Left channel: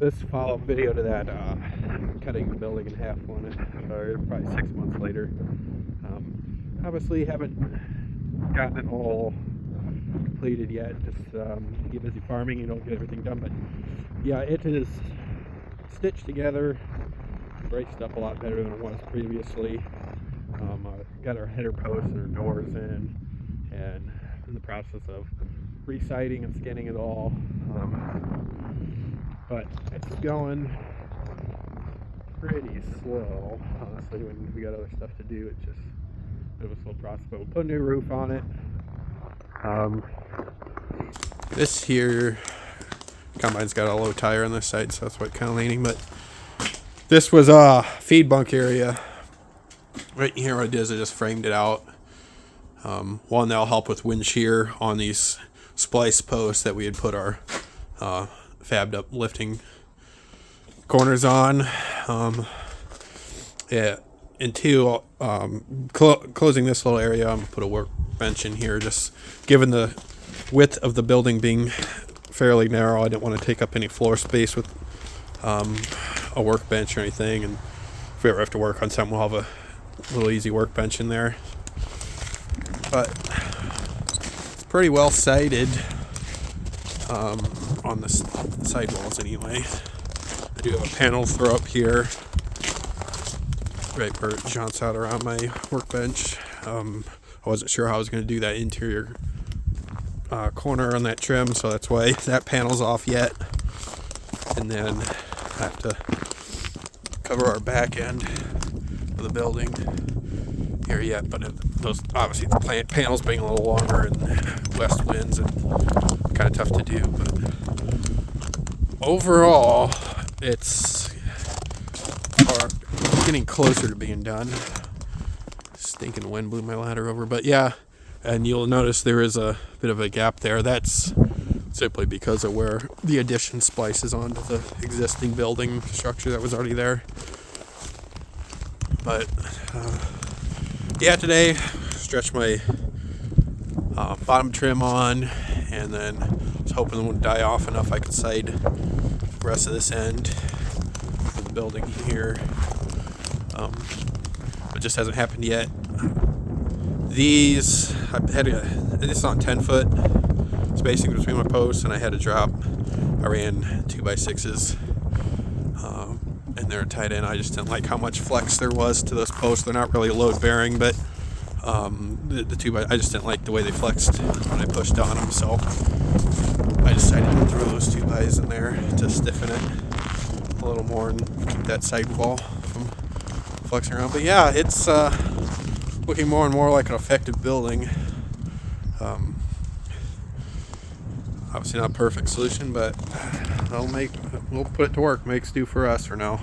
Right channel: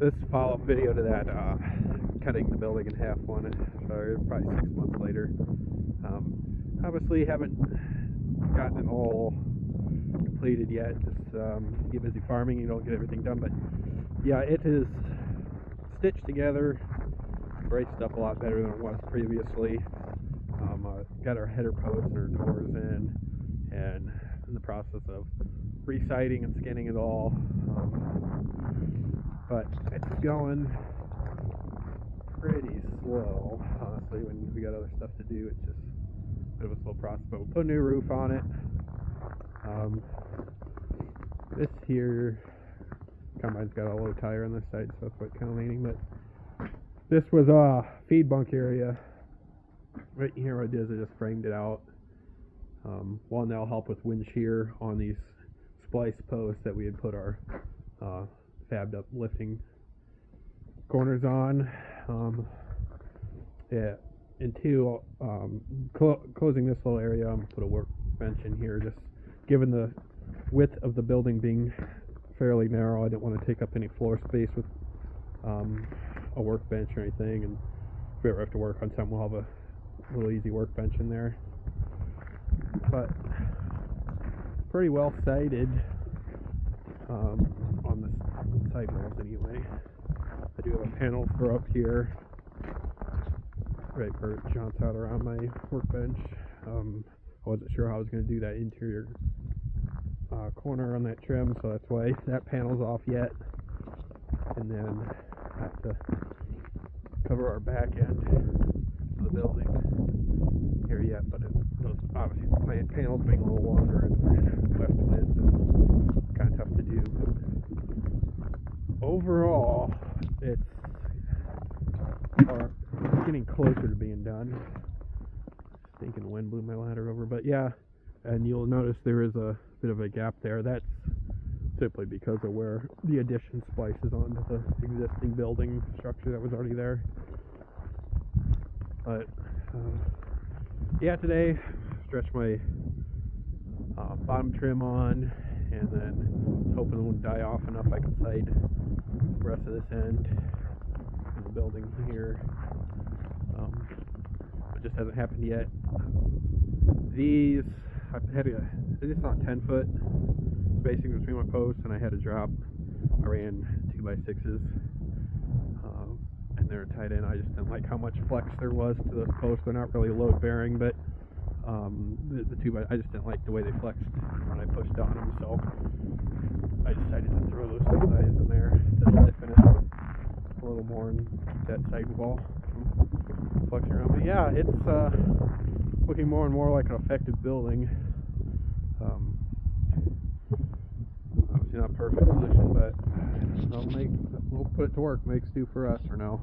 this follow-up video to that cutting the building in half one, probably 6 months later. Obviously haven't gotten it all completed yet. Just get busy farming, you don't get everything done. But yeah, it is stitched together, braced up a lot better than it was previously. Got our header posts and our doors and in the process of re-siding and skinning it all. But it's going pretty slow, honestly, when we got other stuff to do. It's just a bit of a slow process. But we put a new roof on it. This here combine's got a low tire on this side, so that's what kind of leaning. But this was a feed bunk area. Right here, what I did is I just framed it out. One that'll help with wind shear on these splice posts that we had put our fabbed up lifting corners on. Yeah, and two, closing this little area, I'm gonna put a workbench in here. Just given the width of the building being fairly narrow, I didn't want to take up any floor space with a workbench or anything. And if we ever have to work on something, we'll have a little easy workbench in there. But it's pretty well sighted on the side walls anyway. I do have a panel throw up here right where it jaunts out around my workbench. I wasn't sure how I was going to do that interior corner on that trim, so that's why that panel's off yet. And then I have to cover our back end of the building here yet, but those obviously the plant panels being a little longer and west winds and kind of tough to do. But overall, it's getting closer to being done. Stinking wind blew my ladder over, but yeah, and you'll notice there is a bit of a gap there. That's simply because of where the addition splices onto the existing building structure that was already there. But yeah, today stretched my bottom trim on, and then was hoping it would die off enough I could side the rest of this end of the building here. But just hasn't happened yet. These, this is on 10 foot spacing between my posts, and I had to drop. I ran 2x6s, and they're tied in. I just didn't like how much flex there was to those posts. They're not really load bearing, but the 2x, I just didn't like the way they flexed when I pushed on them, so I decided to throw those 2x in there to stiffen it a little more and keep that sidewall from flexing around. But yeah, it's looking more and more like an effective building. Obviously not a perfect solution, but we'll put it to work. Makes do for us for now.